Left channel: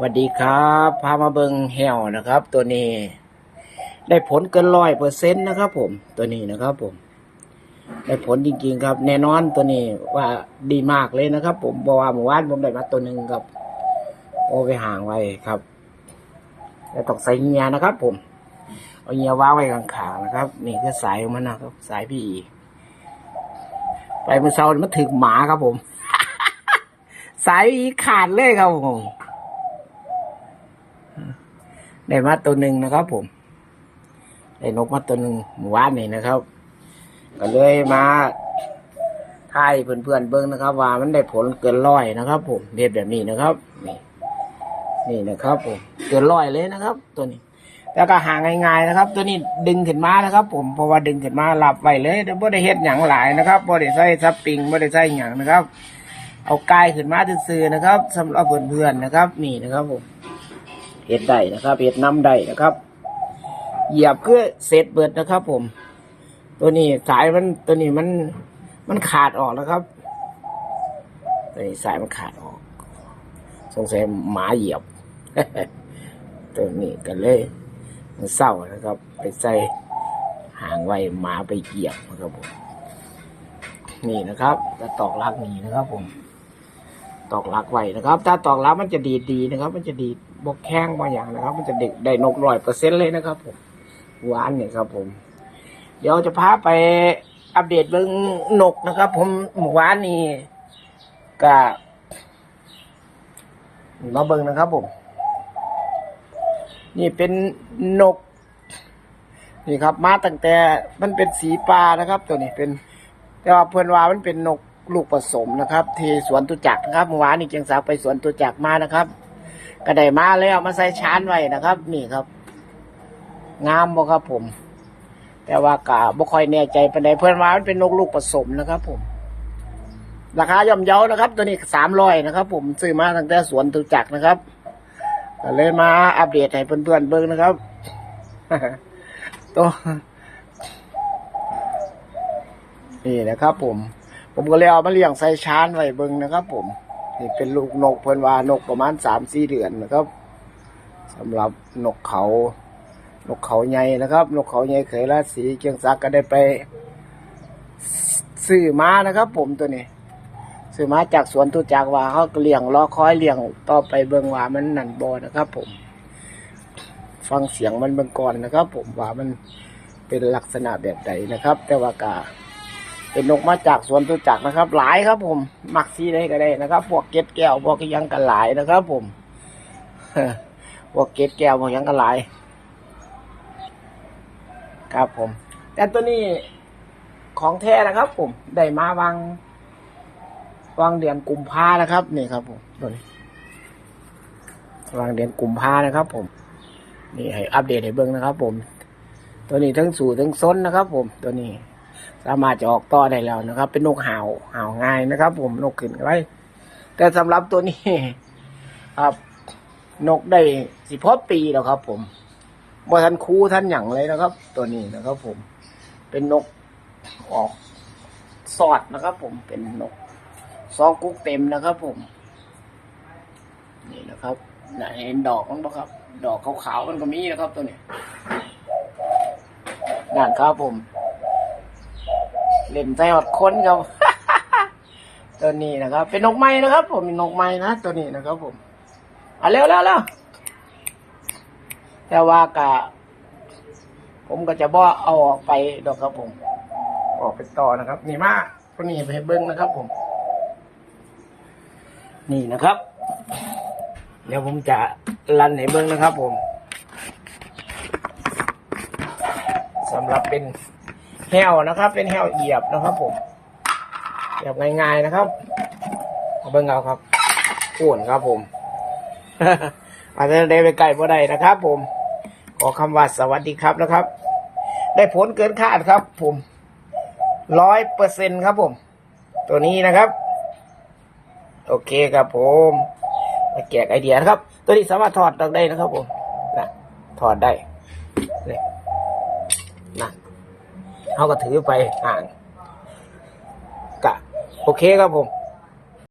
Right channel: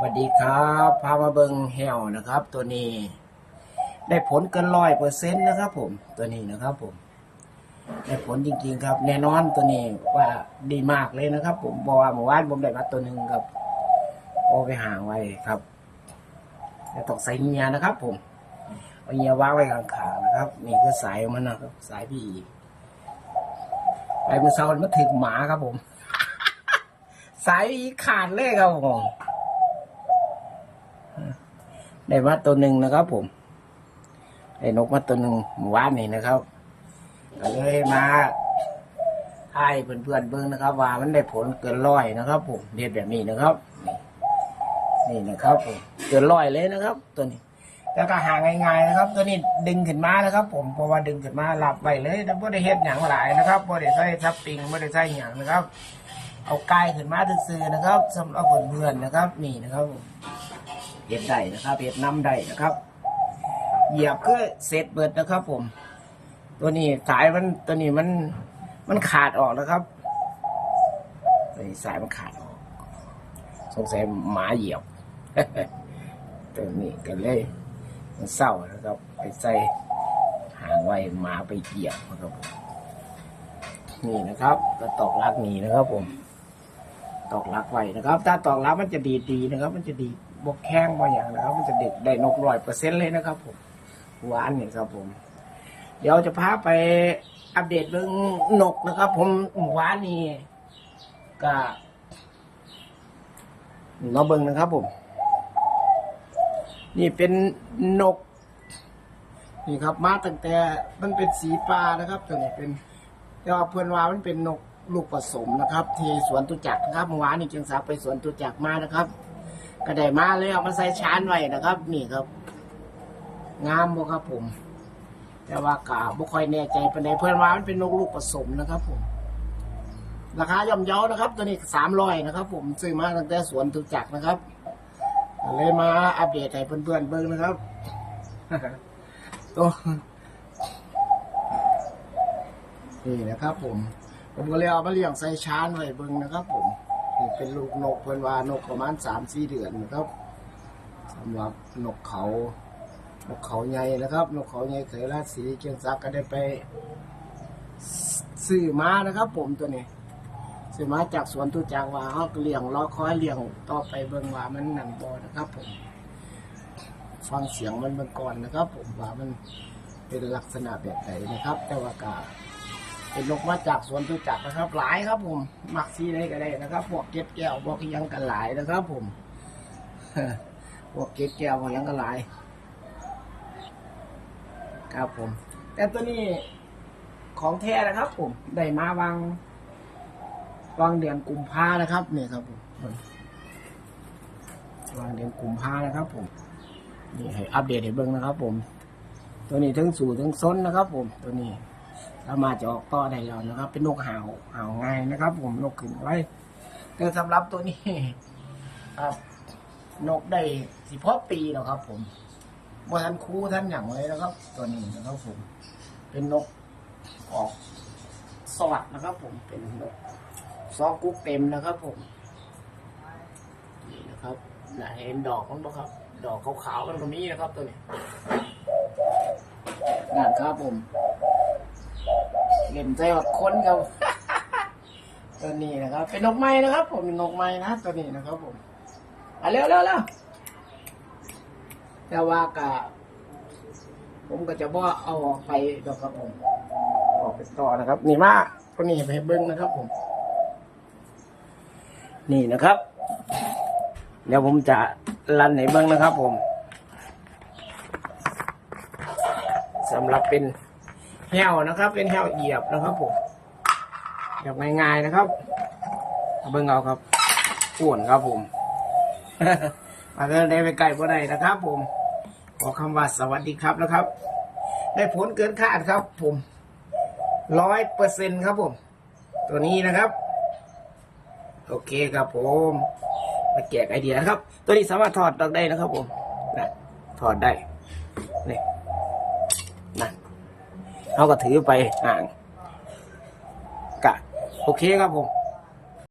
สวัสดีครับ พามาเบิงแฮวนะครับ ตัวนี้ ได้ผลเกินร้อยเปอร์เซ็นต์นะครับ ผม ตัวนี้นะครับ ผม ได้ผลจริงๆครับ แน่นอนตัวนี้ว่าดีมากเลยนะครับ ผมบอกว่าเมื่อวานผมได้มาตัวหนึ่งครับ โอไปห่างไว้ครับแล้วต้องใส่เงียนะครับ ผม เอาเงียวางไว้ข้างๆนะครับ นี่คือสายมันนะครับ สายพี่ไปเมื่อเช้ามันถึงหมาครับ ผม สายพีขาดเลยครับผม ได้มาตัวหนึ่งนะครับ ผม ได้นกมาตัวหนึ่งหมู่บ้านนี่นะครับ ก็เลยมาทายเพื่อนๆเบิ้งนะครับ ว่ามันได้ผลเกินร้อยนะครับ ผมเรียบแบบนี้นะครับ นี่ นี่นะครับ ผมเกินร้อยเลยนะครับ ตัวนี้ แล้วก็หาง่ายๆนะครับ ตัวนี้ดึงขึ้นมานะครับ ผมเพราะว่าดึงขึ้นมาหลับไว้เลยแต่บ่ได้เฮ็ดหยังหลายนะครับบ่ได้ใส่ซับปิงบ่ได้ใส่หยังนะครับ เอากายขึ้นมาซื่อๆนะครับสำหรับเพื่อนๆนะครับ นี่นะครับผม เห็ดได้นะครับเห็ดน้ำได้นะครับ เหยียบเพื่อเสร็จเบิดนะครับ ผม ตัวนี้สายมันตัวนี้มันมันขาดออกนะครับ ตัวนี้สายมันขาดออก สงสัยหมาเหยียบ ตัวนี้กันเลยมันเศร้านะครับ ไปใส่หางไว้หมาไปเหยียบนะครับผมนี่นะครับกระตอกลักนี่นะครับ ผม ตอกลักไว้นะครับ ถ้าตอกลักมันจะดีดดีนะครับ มันจะดีด บกแข้งบางอย่างนะครับ มันจะเด็กได้นกร้อยเปอร์เซ็นต์เลยนะครับ ผมหวานนี่ครับ ผม เดี๋ยวจะพาไปอัปเดตเรื่องนกนะครับ ผมหมู่วานนี่ก็มาเบิ่งนะครับ ผม นี่เป็นนก นี่ครับ มาตั้งแต่มันเป็นสีปลานะครับ ตัวนี้เป็น แต่ว่าเพื่อนว่ามันเป็นนกลูกผสมนะครับ ที่สวนตุจักนะครับเมื่อวานนี้เกียงสาวไปสวนตุจักมานะครับ ก็ได้มาแล้วมาใส่ชานไว้นะครับ นี่ครับ งามบ่ครับผม แต่ว่ากะบ่ค่อยแน่ใจปานใดเพื่อนว่ามันเป็นนกลูกผสมนะครับ ผม ราคาย่อมเยานะครับ ตัวนี้สามร้อยนะครับ ผมซื้อมาตั้งแต่สวนตุจักรนะครับก็เลยมาอัปเดตให้เพื่อนๆเบิ่งนะครับตัวนี่นะครับ ผม ผมก็เลยเอามาเลี้ยงใส่ชานไว้เบิ่งนะครับ ผม นี่เป็นลูกนกเพิ่นว่านกประมาณสามสี่เดือนนะครับสำหรับนกเขา นกเขาใหญ่นะครับ นกเขาใหญ่เคยราศีเกียงศักก็ได้ไปซื้อมานะครับ ผมตัวนี้ซื้อมาจากสวนตุจักว่าเขาก็เลี้ยงรอคอยเลี้ยงต่อไปเบิ่งว่ามันนันบ่นะครับ ผม ฟังเสียงมันเบิ่งก่อนนะครับ ผมว่ามันเป็นลักษณะแบบใดนะครับ แต่ว่ากา เป็นนกมาจากสวนตุจักนะครับ หลายครับ ผมมักซีได้ก็ได้นะครับ พวกเก็ดแก้วพวกยังกันหลายนะครับ ผมพวกเก็ดแก้วพวกยังกันหลาย ครับ ผม แต่ตัวนี้ของแท้นะครับ ผมได้มาวางวางเดือนกุมภานะครับนี่ครับ ผมตัวนี้วางเดือนกุมภานะครับ ผม นี่ให้อัปเดตให้เบิ่งนะครับ ผม ตัวนี้ทั้งสู่ทั้งซ้นนะครับ ผมตัวนี้ สามารถจะออกต่อได้แล้วนะครับ เป็นนกห่าวห่าวง่ายนะครับ ผมนกขึ้นไว้แต่สำหรับตัวนี้ครับ นกได้สิบพอปีแล้วครับ ผมบ่ทันคูท่านหยั่งเลยนะครับ ตัวนี้นะครับ ผม เป็นนกออกสอดนะครับ ผมเป็นนกซองกุ๊กเต็มนะครับ ผม นี่นะครับเห็นดอกมั้งครับ ดอกขาวๆมันก็มีนะครับ ตัวนี้นั่นครับผม ล่นใจอดค้นครับ ตัวนี้นะครับ เป็นนกไม้นะครับ ผมเป็นนกไม้นะตัวนี้นะครับ ผมอะเร็วเร็วเร็วแต่ว่ากะผมก็จะบ่เอาออกไปดอกครับผม ออกไปต่อนะครับ นี่มาตัวนี้ไปเบิ้งนะครับ ผม นี่นะครับเดี๋ยวผมจะรันให้เบิ้งนะครับ ผมสำหรับเป็น แห้วนะครับ เป็นแห้วเหยียบนะครับผมเหยียบง่ายๆนะครับเอาเบิ่งเอาครับอ้วนครับผมอาจจะได้ไปไกลบ่ได้นะครับ ผม ขอคำว่าสวัสดีครับนะครับ ได้ผลเกินคาดครับ ผมร้อยเปอร์เซ็นครับผม ตัวนี้นะครับ โอเคครับผมมาแจกไอเดียนะครับ ตัวนี้สามารถถอดออกได้นะครับ ผมนะถอดได้นี่นะ เขาก็ถือไปอ่างกะ โอเคครับผม